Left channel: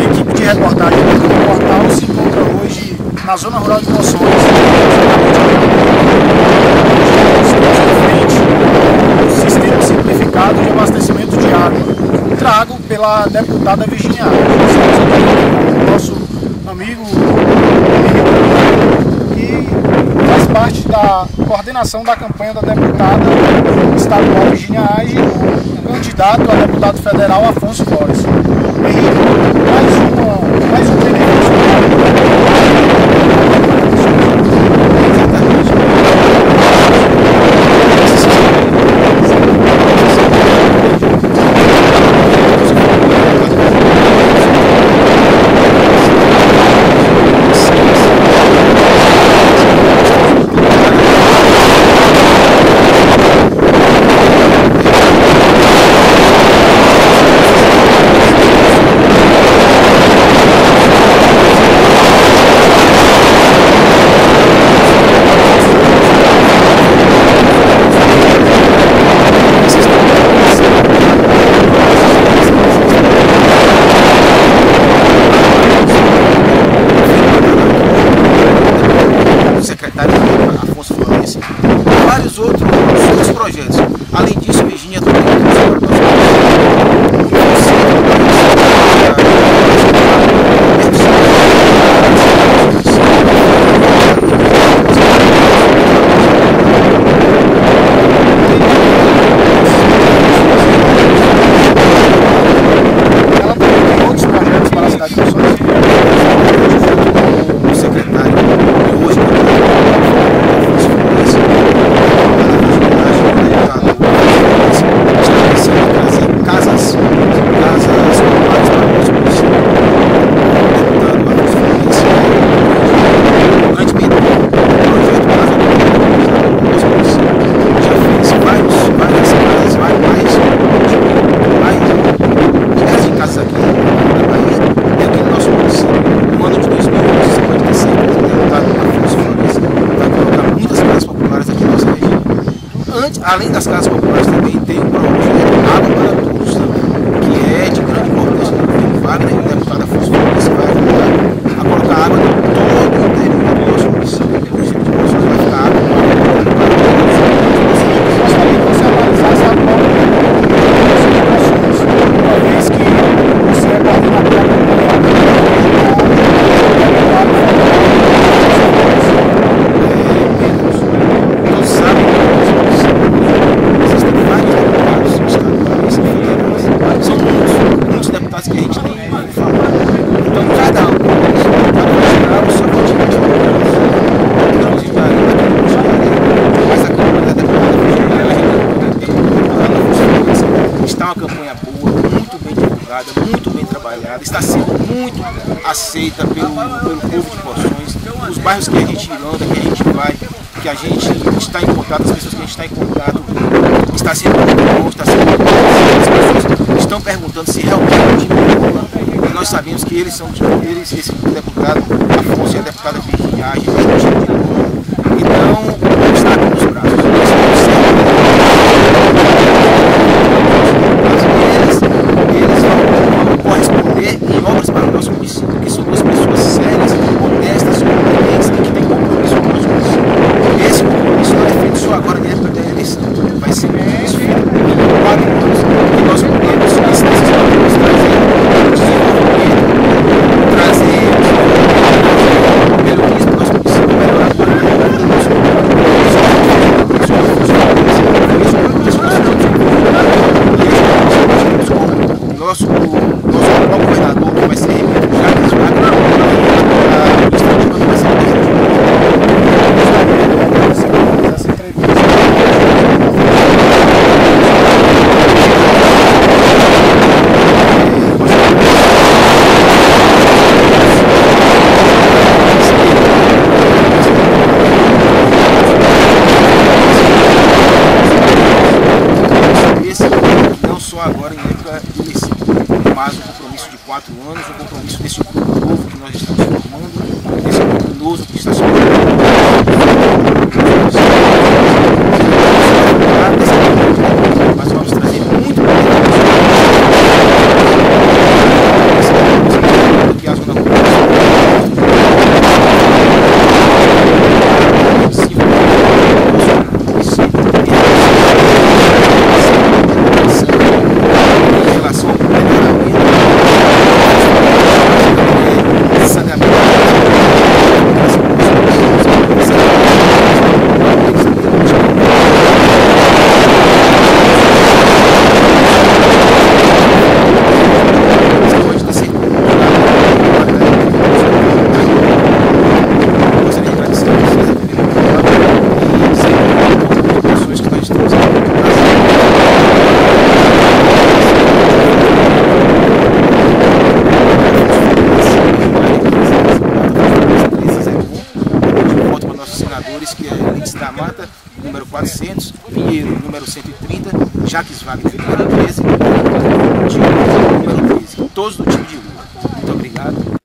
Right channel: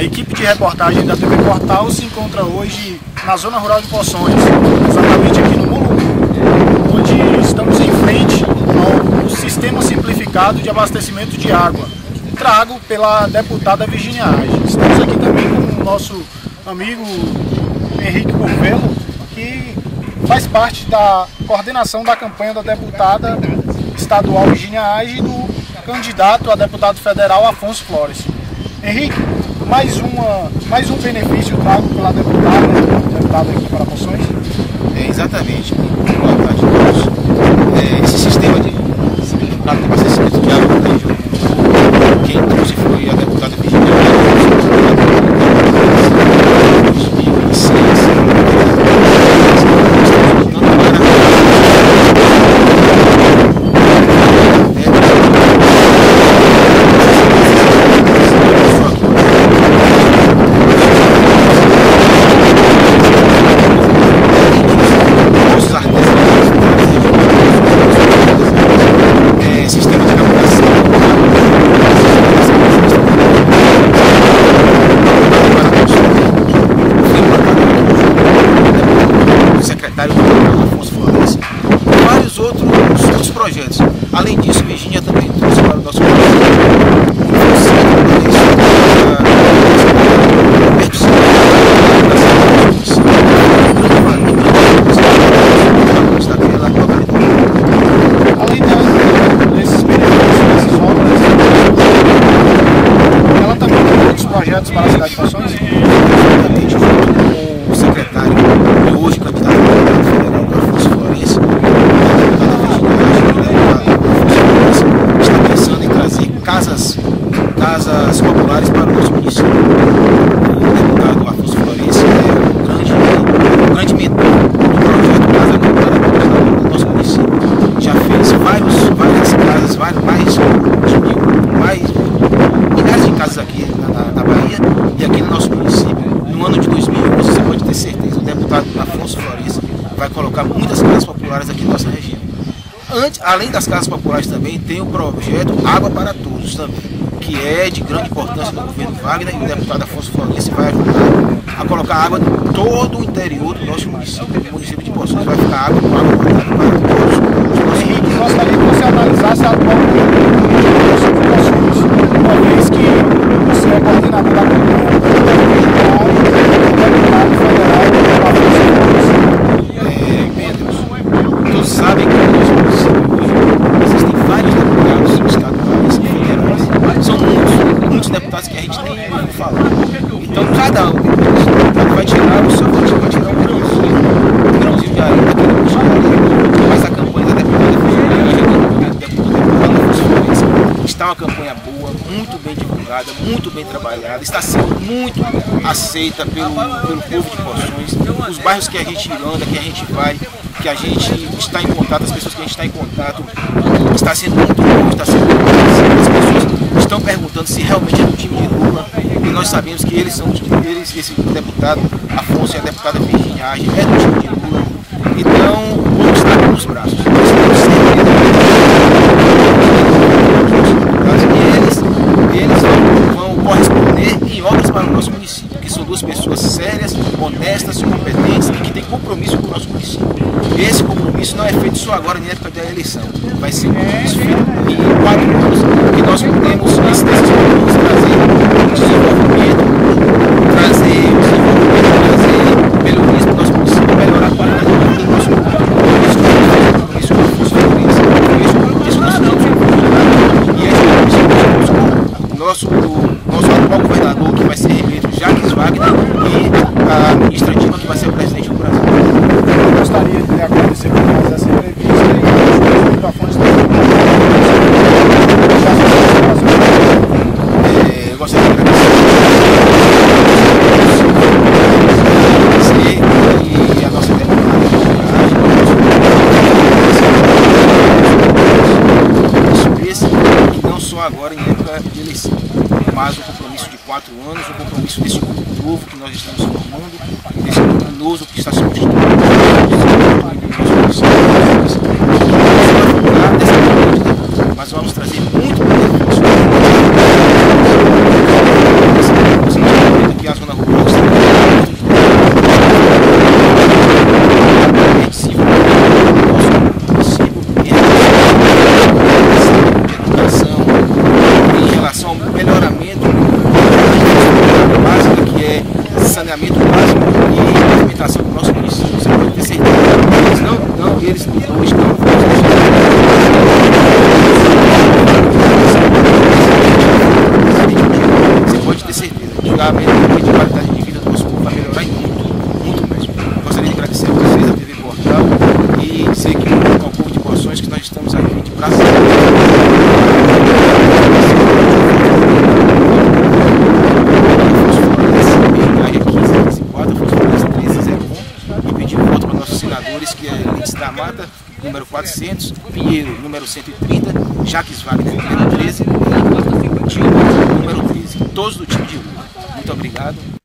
A equipe de reportagem da TV Portal se encontra hoje na zona rural de Poções, exatamente aqui no onde estamos em frente ao sistema simplificado de abastecimento de água, trago pela deputada Virginia Aires. Estamos aqui também com o nosso amigo Henrique Oliveira, que faz parte da coordenação da campanha da deputada estadual Virginia Aires e do candidato a deputado federal Afonso Flores. Henrique, mais um benefício para a deputada. Exatamente. Esse sistema de Afonso Flores, vários outros projetos. Além disso, Virginia também trouxe para o nosso ela também tem outros projetos para a cidade de Poções. O secretário e hoje casas populares para o nosso município. O deputado Afonso Flores é um grande mentor do projeto Casa Popular do nosso município. Já fez várias casas, milhares de casas aqui na Bahia e aqui no nosso município. No ano de 2011, você pode ter certeza, o deputado Afonso Flores vai colocar muitas casas populares aqui na nossa região. Além das casas populares também tem o projeto Água para Todos também, que é de grande importância do governo Wagner, e o deputado Afonso Flores vai ajudar a colocar água em todo o interior do nosso município. O município de Poções vai ficar água para todos. E gostaria que você analisasse a atual município de Poções, uma vez que você é coordenador da campanha do deputado federal Afonso Flores. Todos sabem que no nosso município existem vários deputados estaduais e federais. São muitos deputados que a gente nem fala. Então cada um deles vai gerar o seu quantidade de grãozinho de areia, daquele grãozinho de areia. Mas a campanha da deputada está uma campanha boa, muito bem divulgada, muito bem trabalhada, está sendo muito aceita pelo povo de Poções. Os bairros que a gente anda, que a gente vai, que a gente está em contato, as pessoas que a gente está em contato, está sendo muito bom, está sendo muito bom. As pessoas estão perguntando se realmente é um time de Lula, e nós sabemos que esse deputado Afonso e a deputada Virginia Aires é do time de Lula. Então, vamos estar aqui nos braços. Nós estamos sempre e eles vão corresponder em obras para o nosso município, que são duas pessoas sérias, honestas, competentes e que têm compromisso com o nosso município. Esse compromisso não é feito só agora na época da eleição, vai ser um compromisso feito em 4 anos, que nós podemos, nesses 4 anos, trazer desenvolvimento, trazer melhorias para o nosso município, melhorar a qualidade do nosso município. Isso é uma função do nosso e esse nosso atual governador, que vai ser reeleito, Jacques Wagner, e a administrativa que vai ser presidente. Eu gostaria de agradecer por essa entrevista. Agora em época de eleição, mas um compromisso de 4 anos, um compromisso desse grupo novo que nós estamos formando, desse grupo novo que está se formando. Mas vamos trazer muito benefício. Que é Elites da Mata, número 400, Pinheiro, número 130, Jaques Wagner, número 13, Dilma, número 13, todos do time de rua. Muito obrigado.